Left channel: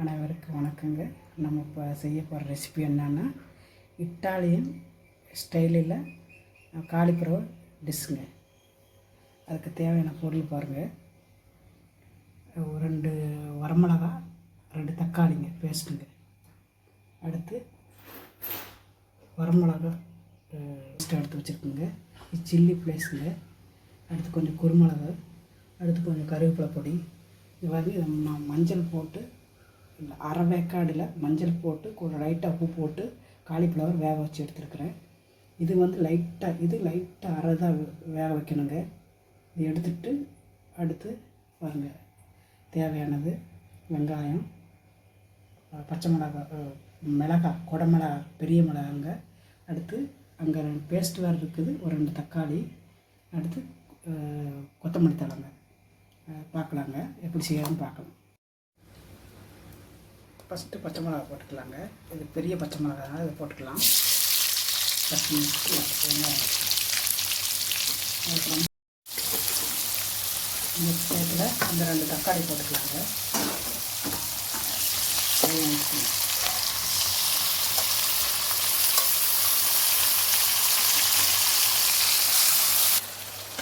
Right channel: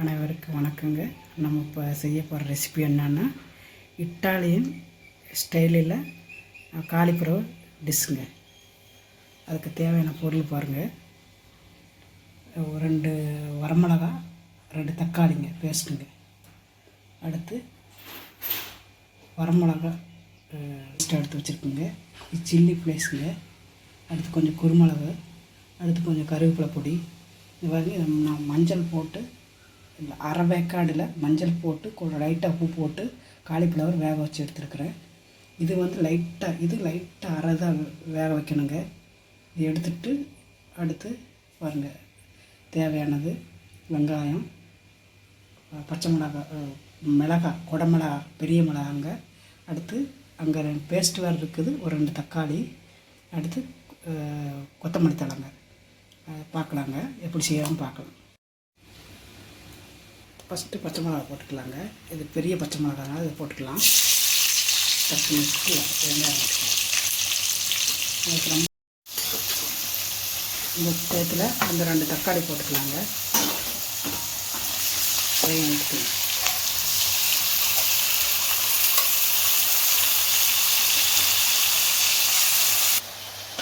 அனைவருக்கும் வணக்கங்க. நம்ம இப்போ செய்ய போகிற ரெசிபி என்னன்னா இட்டாலியன் ஸ்டைலில் காலிஃப்ளவர் டிஷ்ஷுங்க. அதுக்கு தேவையான பொருள் பாருங்கள். 2 வரமிளகா, 2 தக்காளிங்க பேஸ்ட்டுங்க. அடுத்து வரமிளகா எடுத்து வச்சுருக்குங்க. சில்லி ஃப்ளேக்ஸுங்க. அடுத்து கொஞ்சம் குருமிளகு, அடுத்து கொஞ்சம் கருவேப்பிலை பொடி. இது வந்து நான் மஞ்சள் போட்டு அரை வேக்காடில் மஞ்சள் போட்டு லைட்டாக உப்பு போட்டு காலிஃப்ளவர் வேக வச்சு எடுத்துருக்குறேன். இது வந்து லைட்டாக அரை தான் வேக வைக்கணுங்க. இது எடுத்துகிட்டு அடுத்து பாருங்கள், தேவையானது வெங்காயம், பச்சை மிளகாய், குடமிளகா, பெரிய மிளகாங்க. அடுத்து அங்கே பேஸ்ட் வேறு இருக்குது, ஒரு 2 தக்காளி. அடுத்து கொத்தமல்லி தழைங்க. பார்க்கலாங்க, எப்படி செய்யணும்னு பார்க்கலாம். ஃபஸ்ட்டு பச்சை மிளகா போட்டுக்கலாங்க. இது பெரிய பச்சை மிளகா, இதை போட்டுக்கலாம். 10 நிமிஷத்தில் வெங்காயம் போட்டுக்கலாம். இந்த டயத்தில் இந்த 2 தக்காளி போட்டுக்கலாங்க.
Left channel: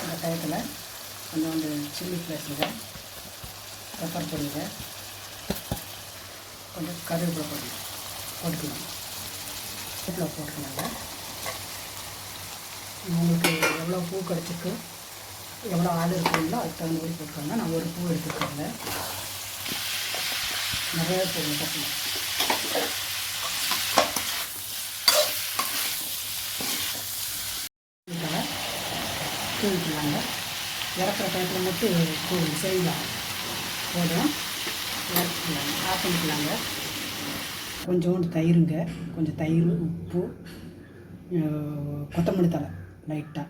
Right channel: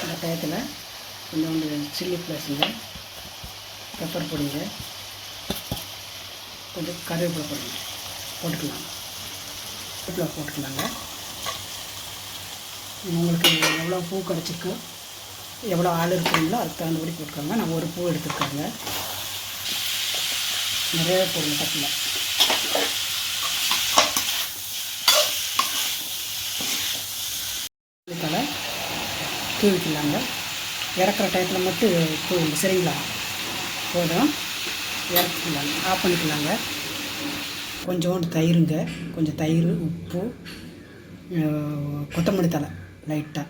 இந்த டயத்தில் கொஞ்சம் சில்லி ஃப்ளேக்ஸுங்க, பெப்பர் பொடிங்க, கொஞ்சம் கருவேப்பிலை போட்டுக்கலாம். உங்களுக்கு எவ்வளோ பூ கிடச்சிருக்கு, எவ்வளோ ஆள் இருக்குங்களோ அதுக்கு தகுந்தபடி போட்டுக்கோங்க. நான் ஒரு பூ எடுத்துருக்காங்க, நிறைய போடுங்க பட்டில். இதுக்காக தூவிக்கலாங்க. இறக்குற டயத்தில் மட்டும் தூவி சரிங்களா போதும். இறக்கிக்கலாங்க, ஆஃப் பண்ணிக்கலாங்க. கொஞ்சோண்டு தயிருங்க, கொஞ்சம் தயிர், உப்பு, கொத்தமல்லி தழை லைட்டாக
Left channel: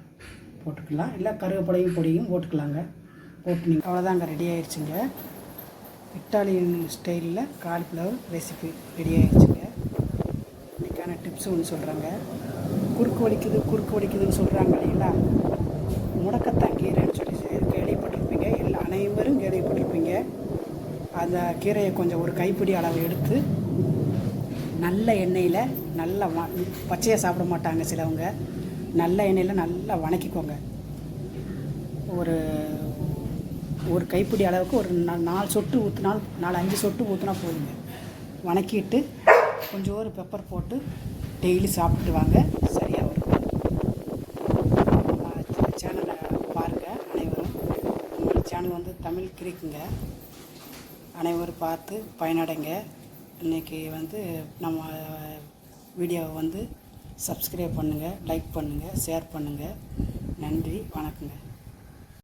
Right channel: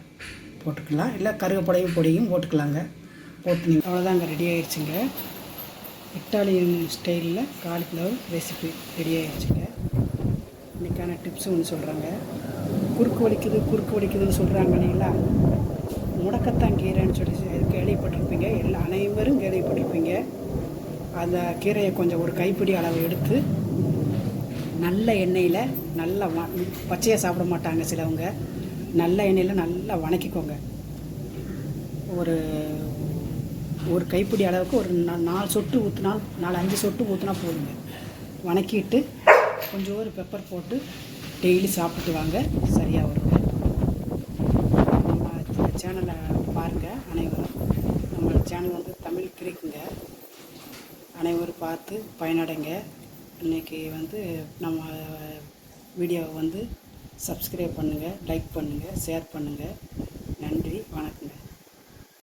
போட்டுக்கலாம். இல்லை கருவேப்பிலையும் போட்டுக்கலாங்க. போட்டு நீங்கள் அவ்வளோதாங்க, ரெடி ஆகிடுச்சுங்க. இட்டாலியன் ஸ்டைலில் காலிஃப்ளவர் ரெசிபி ரெடி ஆகிடுச்சுங்க. இன்றைக்கான டிப்ஸ் ஒன்று சொல்கிறாங்க. குறுக்கு வலிக்குதுன்னு சொல்கிறாங்க இல்லைங்களா, முடக்கத்தான் கீரைன்னு சொல்லி கேள்விப்பட்டிருப்பீங்க. இல்லை அனைவரும் கேள்விப்பட்டிருப்பீங்க. அந்த கீரையை கொஞ்சம் ஒரு கைப்பிடி அளவு எடுத்து நல்ல எண்ணெயில் நல்லா பச்சையாக சாப்பிட மாட்டாங்க சிலவங்க. நல்ல எண்ணெயில் நல்லா வணக்கிக்கோங்க. ஒரு கைப்பிடி அளவுக்கு ஒரு 4 சொட்டு ஊற்றினா, 4-5 சொட்டு ஊற்றினா போதுங்க. வணக்கிட்டு கொஞ்சம் ஒரு பெப்பர் போட்டு டெய்லி சாப்பிட்டு வாங்க, சரியாக வருங்க. நம்ம சேனலை பாருங்கள் அனைவரும். நம்ம சேனல் வந்து தமிழ் கிரிக்குங்க. அனைவரும் பார்த்து பயனடைங்க. இன்றைக்கி வந்து நம்ம வீடியோவை வந்து சப்ஸ்கிரைப் பண்ணுங்கள், லைக் பண்ணுங்கள், ஷேர் பண்ணுங்கள். நன்றி, வணக்கங்க.